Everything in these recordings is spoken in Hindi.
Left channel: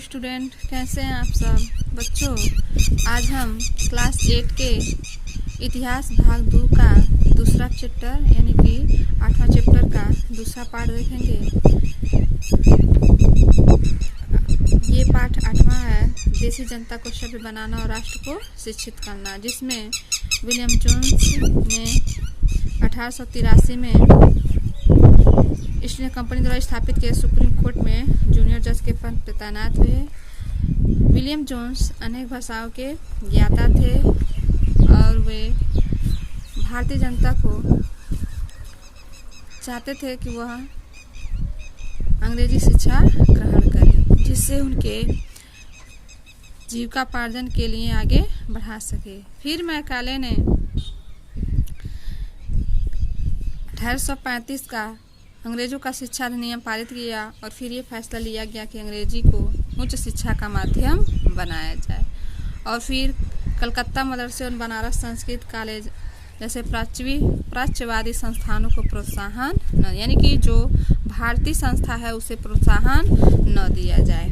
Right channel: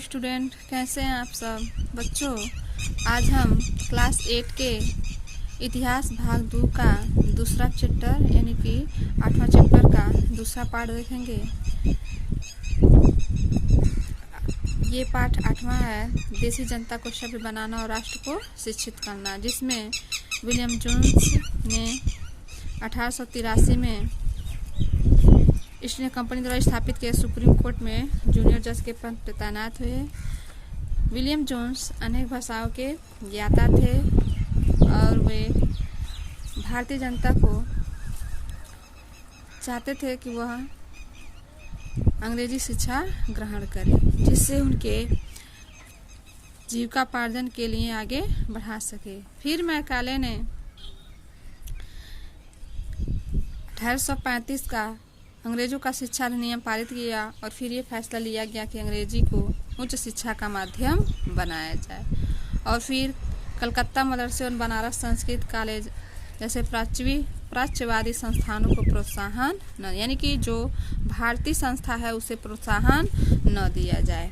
स्टूडेंट, कैसे हैं आप सब बच्चों। आज हम क्लास 8 के इतिहास भाग 2 का दूसरा चैप्टर यानी कि 8वां चैप्टर का दूसरा पार्ट देखेंगे। ये पाठ 8वां है, देशी जनता को सभ्य बनाना और राष्ट्र को शिक्षित करना, जिसमें विलियम जोन्स ने 1883 में ईस्ट इंडिया कंपनी द्वारा स्थापित किए सुप्रीम कोर्ट में जूनियर जज के पद पर तैनात हुए। विलियम जोन्स अनेक भाषाओं के ज्ञाता थे और वे भारतीय जनता को चाहते थे कि वह अंग्रेजी शिक्षा ग्रहण करें, जिससे उनके जीविकापार्जन के लिए आगे बढ़ा सके। फिर मैकाले ने 1835 का अंग्रेजों का शिक्षा अधिनियम पारित किया और फिर ये फैसला लिया गया कि अंग्रेजी को उच्च शिक्षा का माध्यम बनाया जाए। और फिर कलकत्ता मदरसे और बनारस संस्कृत कॉलेज जैसे प्राच्यवादी संस्थानों को प्रोत्साहन न, यानी कि जो भारतीय संस्था है उसे प्रोत्साहन न दिया जाए।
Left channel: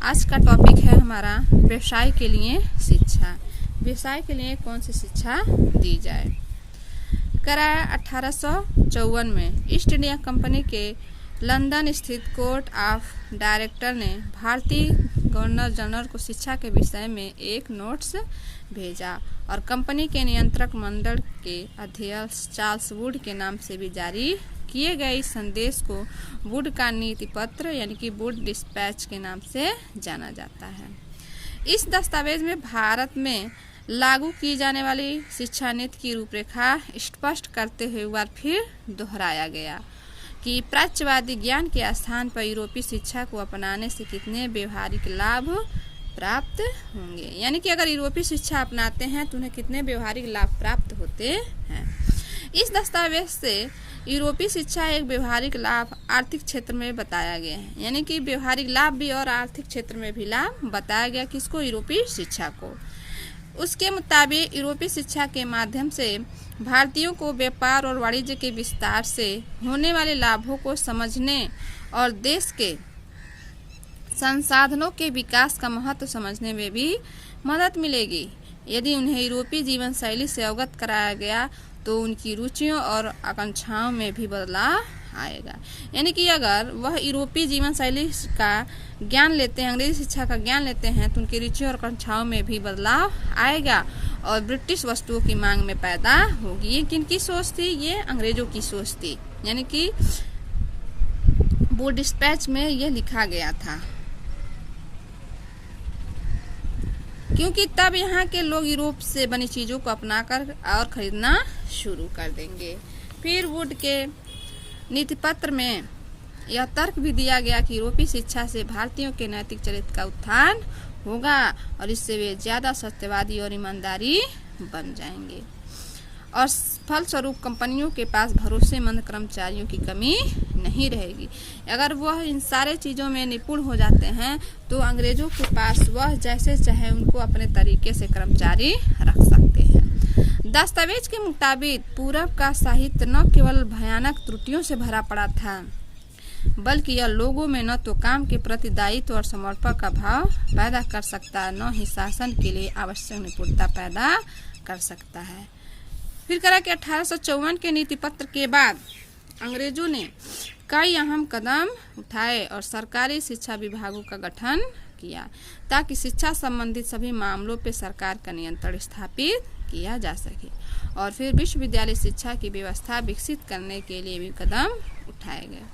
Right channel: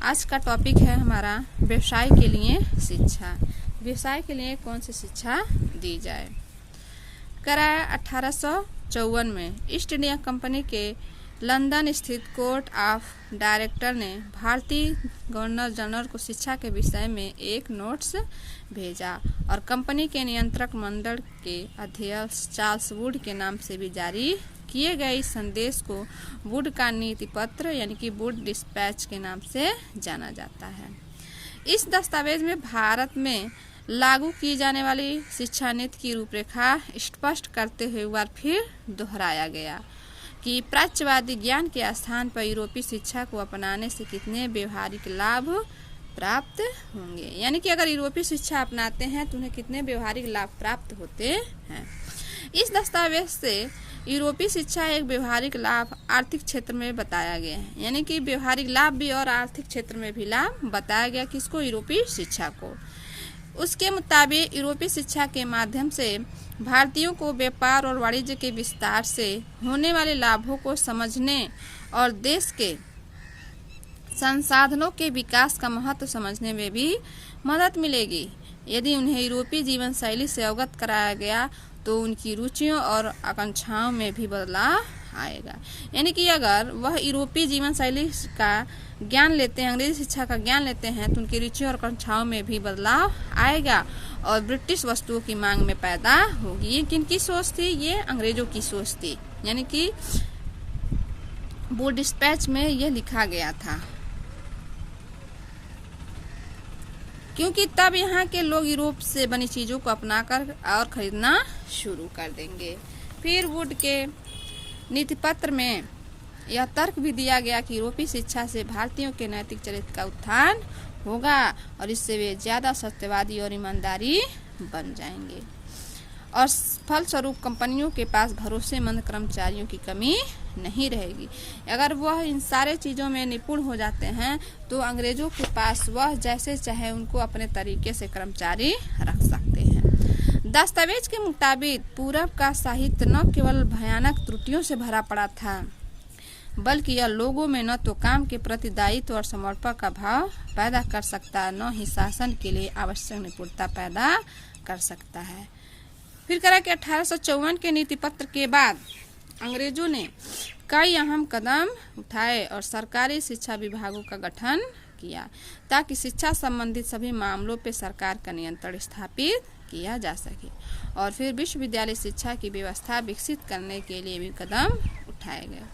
आज का टॉपिक है हमारा व्यवसाय के लिए शिक्षा। व्यवसाय के लिए कौन सी शिक्षा दी जाए। कराया 1854 में ईस्ट इंडिया कंपनी के लंदन स्थित कोर्ट ऑफ डायरेक्टर ने भारतीय गवर्नर जनरल को शिक्षा के विषय में एक नोट्स भेजा और कंपनी के नियंत्रक मंडल के अध्यक्ष चार्ल्स वुड के नाम से भी जारी किए गए इस संदेश को वुड का नीति पत्र यानी कि वुड डिस्पैच के नाम से जाना जाता है। इस दस्तावेज में भारत में लागू की जाने वाली शिक्षा नीति की रूपरेखा स्पष्ट करते हुए एक बार फिर दोहराया गया कि प्राच्यवादी ज्ञान के स्थान पर यूरोपीय शिक्षा को अपनाने से कितने व्यवहारिक लाभ प्राप्त होंगे, यानी कि अगर यूरोपीय शिक्षा अपनाते हैं तो उन्हें कितने व्यवहारिक लाभ प्राप्त होते हैं। इस दस्तावेज से यूरोपीय शिक्षा एक व्यवहारिक लाभ आर्थिक क्षेत्र में बताया गया है, यानी कि व्यवहारिक लाभ भी और आर्थिक क्षेत्र में भी लाभ बताया गया किसको, यूरोपीय शिक्षा को। उसके मुताबिक यूरोपीय शिक्षा के माध्यम से भारतीयों को व्यापार और वाणिज्य के विस्तार से होने वाले लाभों को समझने और देश के संसाधनों के विकास का महत्व समझने में भी मदद मिलेगी। यदि उन्हें यूरोपीय जीवन शैली से अवगत कराया गया तो उनकी रुचियों और आकांक्षाओं में भी बदलाव आएगा, यानी कि अगर वह यूरोपीय जीवन शैली का ज्ञान लेते हैं, अंग्रेजी शिक्षा का ज्ञान लेते हैं तो उनकी रुचियों और आकांक्षाओं में भी बदलाव आएगा और ब्रिटिश वस्तुओं की मांग में पैदा होगी। ये किनकी सोच थी, ये अंग्रेजों की सोच थी, यानी कि वुड डिस्पैच में यह लिखा गया था, क्योंकि तब यहाँ के लोग यूरोप से बनी चीजों को अपनाकर और खरीदना शुरू कर देंगे। फिर वुड के नीति पत्र में यह तर्क भी दिया गया कि यूरोपीय शिक्षा से भारतीयों के नैतिक चरित्र का उत्थान होगा और इससे वे ज्यादा सत्यवादी और ईमानदारी बन जाएंगे और फलस्वरूप कंपनियों के पास भरोसेमंद कर्मचारियों की कमी नहीं रहेगी। अगर वह इन सारे चीजों में निपुण हो जाते हैं तो अंग्रेजों के पास वह जैसे चाहे उनको अपने तरीके से कर्मचारी रख सकते हैं। दस्तावेज के मुताबिक पूरब का साहित्य न केवल भयानक त्रुटियों से भरा पड़ा था, बल्कि यह लोगों में न तो काम के प्रति दायित्व और समर्पण का भाव पैदा कर सकता, न ही शासन के लिए आवश्यक निपुणता पैदा कर सकता है। फिर करा कि 1854 के नीति पत्र के बाद अंग्रेजों ने कई अहम कदम उठाए और सरकारी शिक्षा विभागों का गठन किया ताकि शिक्षा संबंधित सभी मामलों पर सरकार का नियंत्रण स्थापित किया जा सके। और फिर विश्वविद्यालय शिक्षा की व्यवस्था विकसित करने के लिए भी कदम उठाए गए।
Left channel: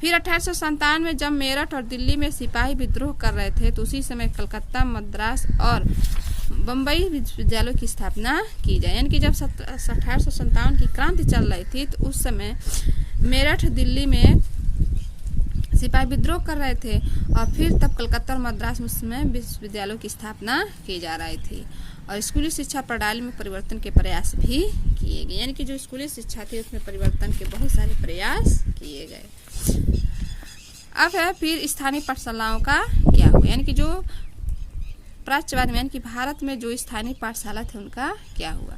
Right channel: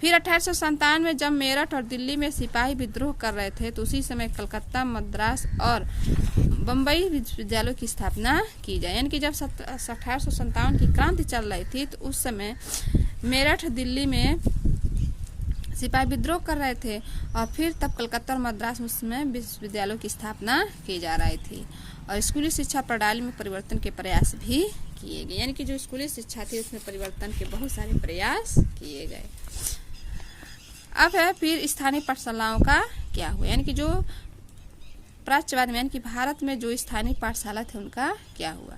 फिर 1857 में जब मेरठ और दिल्ली में सिपाही विद्रोह कर रहे थे तो उसी समय कलकत्ता, मद्रास और बम्बई विश्वविद्यालयों की स्थापना की जाए, यानी कि जब 1857 की क्रांति चल रही थी तो उस समय मेरठ, दिल्ली में सिपाही विद्रोह कर रहे थे और फिर तब कलकत्ता और मद्रास में विश्वविद्यालयों की स्थापना की जा रही थी और स्कूली शिक्षा प्रणाली में परिवर्तन के प्रयास भी किए गए, यानी कि जो स्कूली शिक्षा थी उसमें परिवर्तन के बहुत सारे प्रयास किए गए। अब है फिर स्थानीय पाठशालाओं का क्या हुआ, यानी कि जो प्राच्यवाद में यानी कि भारत में जो स्थानीय पाठशाला थे उनका क्या हुआ।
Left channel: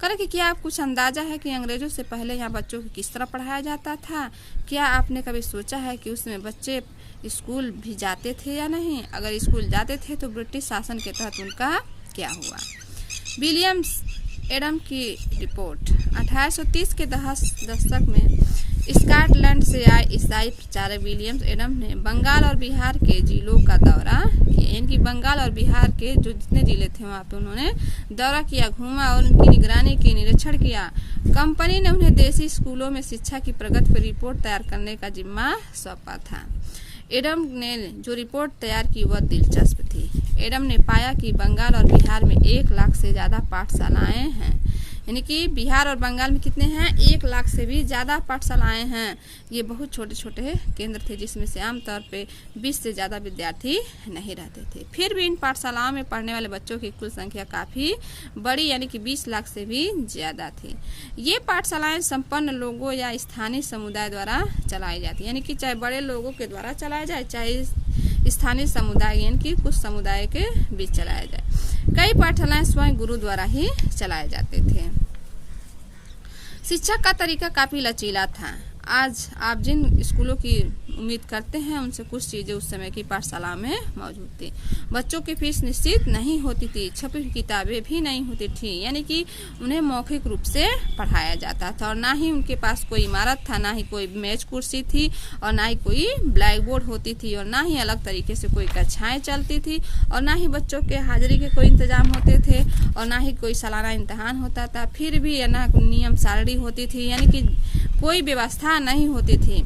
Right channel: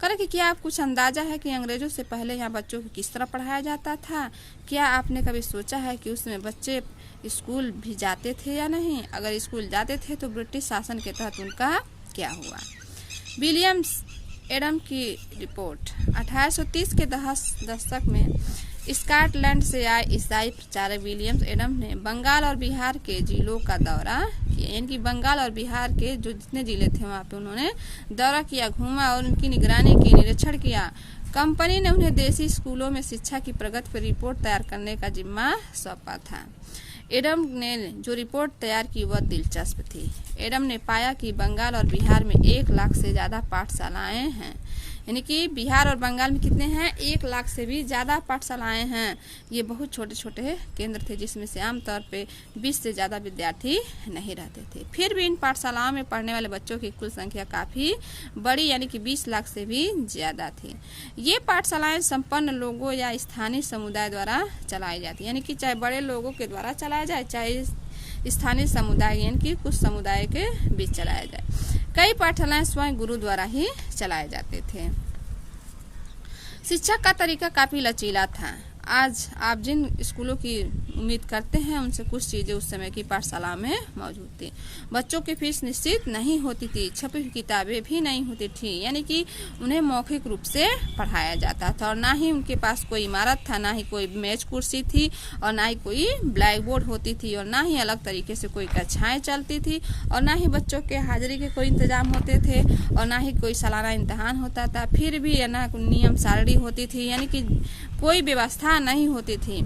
करें कि क्या आप कुछ अंदाजा है कि अंग्रेजों से पहले यहाँ बच्चों को किस तरह पढ़ाया जाता था। क्या आपने कभी सोचा है कि उसमें बच्चे स्कूल भी जाते थे या नहीं? अगर स्कूल जाते थे तो ब्रिटिश शासन के तहत उनका क्या हुआ? विलियम्स एडम की रिपोर्ट। 1830 के दशक में स्कॉटलैंड से आए ईसाई प्रचारक विलियम्स एडम ने बंगाल और बिहार के जिलों का दौरा किया। यानी कि बंगाल और बिहार के जो जितने जिले थे वहाँ पे उन्होंने दौरा किया, घूमा और उनकी निगरानी की, निरीक्षण किया। कंपनी ने उन्हें देसी स्कूलों में शिक्षा की प्रगति पर रिपोर्ट तैयार करने का जिम्मा सौंपा था। एडम ने जो रिपोर्ट तैयार की वह दिलचस्प थी। एडम ने पाया कि बंगाल और बिहार में 1 लाख से ज़्यादा पाठशालाएं हैं। यानी कि बिहार और बंगाल में कितने हैं? 1 लाख से भी ज़्यादा पाठशालाएं हैं। ये बहुत छोटे छोटे केंद्र थे जिसमें से आमतौर पे 20 से ज़्यादा विद्यार्थी नहीं रहते थे। फिर भी इन पाठशालाओं में पढ़ने वाले बच्चों की कुल संख्या काफ़ी बड़ी यानी कि 20 लाख से भी ज़्यादा थी। ये पाठशालाएं संपन्न लोगों या स्थानीय समुदाय द्वारा चलाई जाती, यानी कि चाहे बड़े लोगों के द्वारा चलाया जाए चाहे स्थानीय समुदाय यानी कि कुछ समुदाय के बीच चलाया जाए। कई पाठशालाएं स्वयं गुरु द्वारा ही चलाए जाते थे। शिक्षा का तरीका काफी लचीला था। आज आप जिन स्कूलों की उम्मीद करते हैं उनसे कुछ चीजें उस समय की पाठशाला में मौजूद थी। बच्चों की फीस निश्चित नहीं होती थी, छपी हुई किताबें भी नहीं होती थी, यानी कि उन्हें मौखिक रूप से पढ़ाया जाता था और ना ही उनके पास कोई इमारत था, ना ही कोई मेज कुर्सी थी और ना ही कोई ब्लैक बोर्ड होती थी और ना ही अलग तरीके से कोई कक्षाएं चलती थी और ना ही बच्चों के हाजिरी के कोई इंतजाम होते थे और ना ही कोई सालाना इम्तहान होता था। फिर भी ना नियम सारणी होती थी, यानी कि कोई व्यवस्था नहीं होती थी।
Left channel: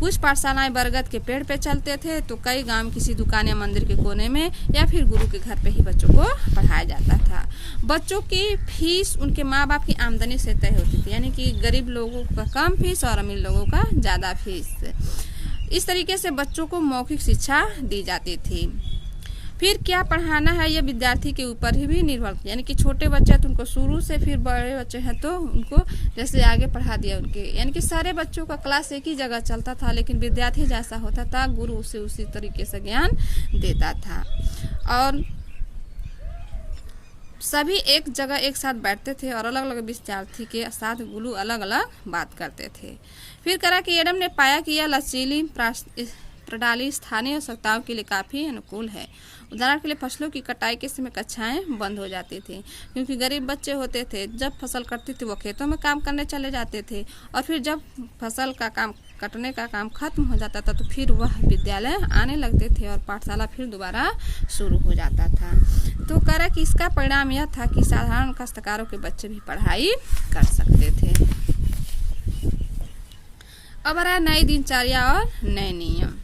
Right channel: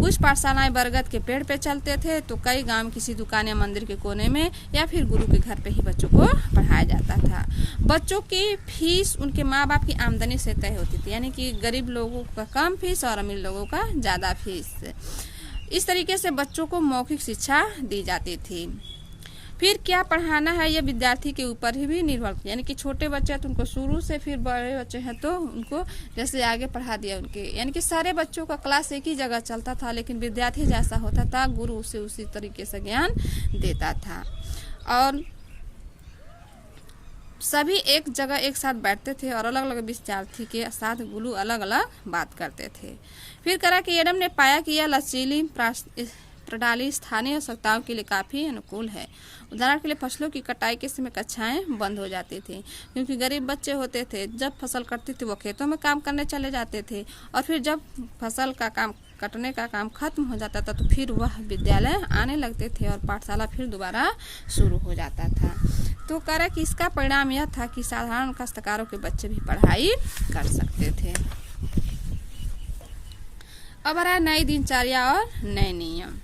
कुछ पाठशालाएं बरगद के पेड़ पे चलते थे तो कई गांव किसी दुकान या मंदिर के कोने में या फिर गुरु के घर पे ही बच्चों को पढ़ाया जाता था। बच्चों की फीस उनके माँ बाप की आमदनी से तय होती थी, यानी कि गरीब लोगों का कम फीस और अमीर लोगों का ज्यादा फीस। इस तरीके से बच्चों को मौखिक शिक्षा दी जाती थी। फिर क्या पढ़ाना है यह विद्यार्थी के ऊपर ही भी निर्भर, यानी कि छोटे बच्चे हैं तो उनको शुरू से, फिर बड़े बच्चे हैं तो उनको जैसे आगे पढ़ा दिया उनके, यानी कि सारे बच्चों का क्लास एक ही जगह चलता था, लेकिन विद्यार्थी जैसा होता था गुरु उसे उसी तरीके से ज्ञान देता था और सभी एक जगह एक साथ बैठते थे और अलग अलग विद्यार्थी के साथ गुरु अलग अलग बात करते थे। फिर करा कि एडम ने पाया कि यह लचीली प्रणाली स्थानीय आवश्यकताओं के लिए काफ़ी अनुकूल है। उदाहरण के लिए फसलों की कटाई के समय कक्षाएं बंद हो जाती थी क्योंकि गरीब बच्चे होते थे। जब फसल कटती थी वो खेतों में काम करने चले जाते थे और फिर जब फसल का काम कटने का काम खत्म हो जाता था तो फिर वह विद्यालय आने लगते थे और पाठशाला फिर दोबारा शुरू हो जाता था। तो करा कि इसका परिणाम यह था कि साधारण काश्तकारों के बच्चे भी पढ़ाई कर सकते थे। अब आ रहा है नई दिनचर्या और नए नियम।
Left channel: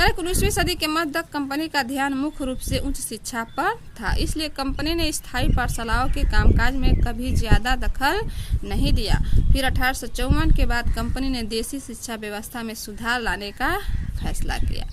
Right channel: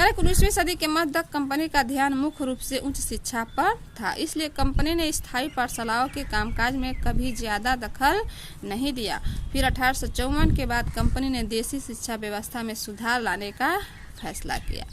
19वीं सदी के मध्य तक कंपनी का ध्यान मुख्य रूप से उच्च शिक्षा पर था, इसलिए कंपनी ने स्थायी पाठशालाओं के कामकाज में कभी ज्यादा दखल नहीं दिया। फिर 1854 के बाद कंपनी ने देसी शिक्षा व्यवस्था में सुधार लाने का फैसला किया।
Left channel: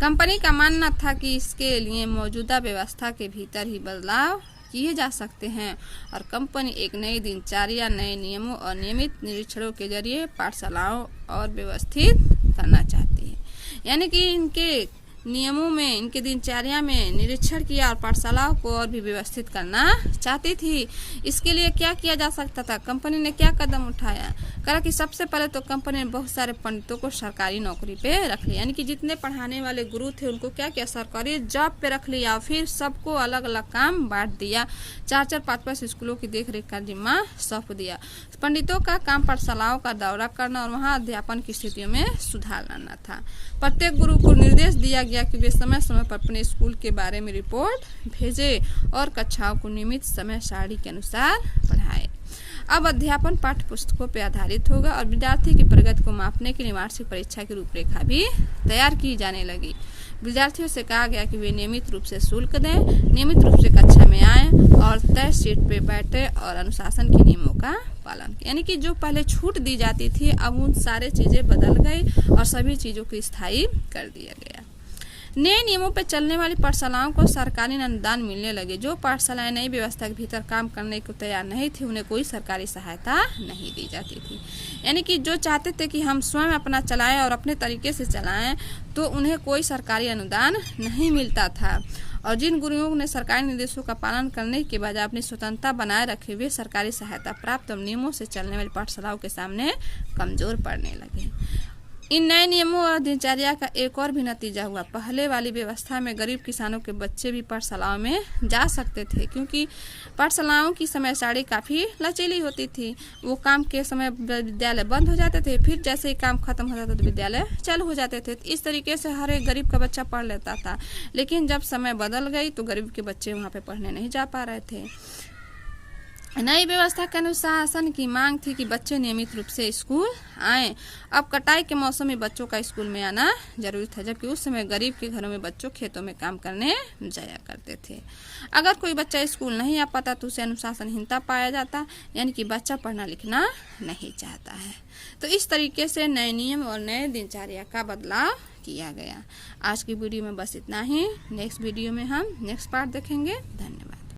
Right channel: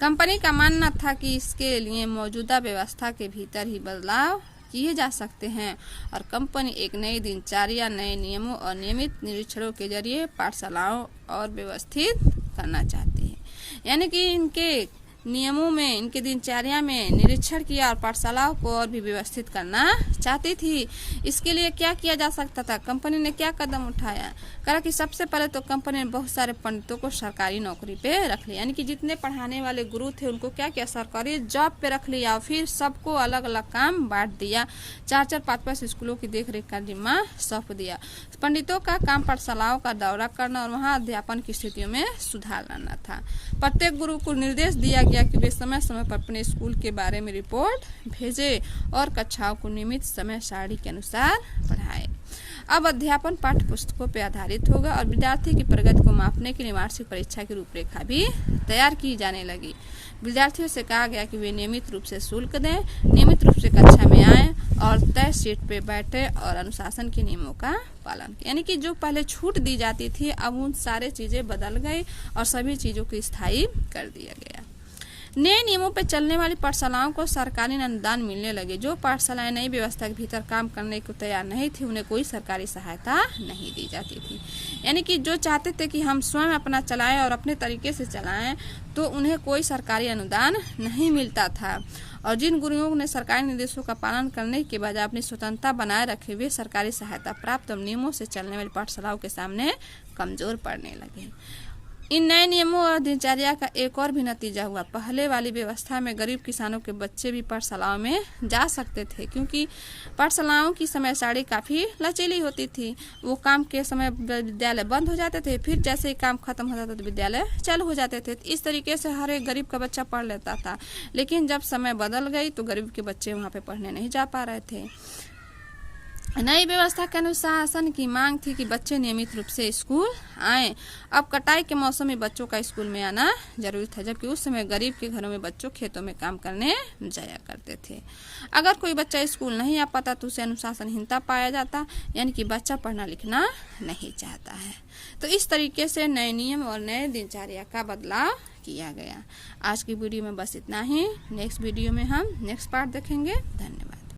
कंपनी का मानना था कि इसके लिए मौजूदा व्यवस्था के भीतर ही बदलाव किए जा सकते हैं और कंपनी एक नई दिनचर्या, नए नियमों और नियमित निरीक्षणों के जरिए पाठशालाओं और व्यवस्थित करना चाहती है। यानी कि इनके नियमों में, इनके दिनचर्या में निरीक्षण किया और पाठशालाओं को और भी व्यवस्थित करना चाहती थी। इसके लिए क्या किया जा सकता था? कंपनी ने क्या कदम उठाया? कहा कि सबसे पहले तो कंपनी ने बहुत सारे पंडितों को सरकारी नौकरी पे रख लिया, यानी कि जितने पढ़ाने वाले गुरु थे उनको क्या किया, सरकारी जॉब पे रख लिया। फिर सबको अलग अलग काम बांट दिया, 4-4, 5-5 स्कूलों की देखरेख का जिम्मा सौंप दिया। पंडितों का काम पाठशालाओं का दौरा करना और वहाँ अध्यापन की स्थितियों में सुधार लाना था। प्रत्येक गुरु को निर्देश दिया गया कि वे समय समय पर अपने स्कूल के बारे में रिपोर्ट भेजे और कक्षाओं को नियमित समय सारणी के अनुसार पढ़ाए। अब अध्यापन पाठ्य पुस्तकों पर आधारित होगा और विद्यार्थी की प्रगति को मापने के लिए वार्षिक परीक्षा की रूपरेखा भी तैयार की जाने लगी। विद्यार्थियों से कहा गया कि वे नियमित रूप से शुल्क दें, नियमित रूप से कक्षा में आएं और तय सीट पे बैठे और अनुशासन के नियमों का पालन किया। यानी कि जो पहले छूट दी जाती थी अब उन सारे चीजें बदल गई और सभी चीजों को स्थायी कर दिया गया। नए नियमों पर चलने वाली पाठशालाओं को सरकारी अनुदान मिलने लगे। जो पाठशालाएं नई व्यवस्था के भीतर काम करने को तैयार नहीं थी उन्हें कोई सरकारी सहायता नहीं दी जाती थी। यानी कि जो चाहते थे कि हम स्वयं अपना चलाएं और अपने तरीके से चलाएं तो उन्हें कोई सरकारी अनुदान नहीं मिलता था। और जिन गुरुओं ने सरकारी निर्देशों का पालन करने के बजाय अपनी स्वतंत्रता बनाए रखे वे सरकारी सहायता प्राप्त और नियमों से चलने वाली पाठशालाओं के सामने कमजोर पड़ने लगे। इन नए नियमों और दिनचर्या का एक और भी नतीजा हुआ। पहले वाली व्यवस्था में गरीब किसानों के बच्चे भी पाठशालाओं में जा सकते थे, क्योंकि पाठशालाओं की समय सारणी काफ़ी लचीली होती थी। वो काम के समय विद्यालय बंद हो जाते थे, फिर जैसे ही काम खत्म हो जाता तो विद्यालय चालू हो जाते थे। इस तरीके से हर एक गरीब का बच्चा पढ़ लेता था। लेकिन जब समय बदल गई तो गरीब के बच्चे वहाँ पे पढ़ने नहीं जा पा रहे थे। नई व्यवस्था के अनुशासन की मांग थी कि बच्चे नियमित रूप से स्कूल आएं। अब कटाई के मौसम में बच्चों का स्कूल में आना जरूरी था, जबकि उस समय गरीब के घरों में बच्चों खेतों में काम करने जाया करते थे। अगर कोई बच्चा स्कूल नहीं आ पाता तो उसे अनुशासनहीनता पाया जाता, यानी कि बच्चा पढ़ना लिखना नहीं चाहता है। तो इस तरीके से नए नियम और नए दिनचर्या का बदलाव किया गया। आज की वीडियो में बस इतना ही। नेक्स्ट वीडियो में हम नेक्स्ट पार्ट देखेंगे। धन्यवाद।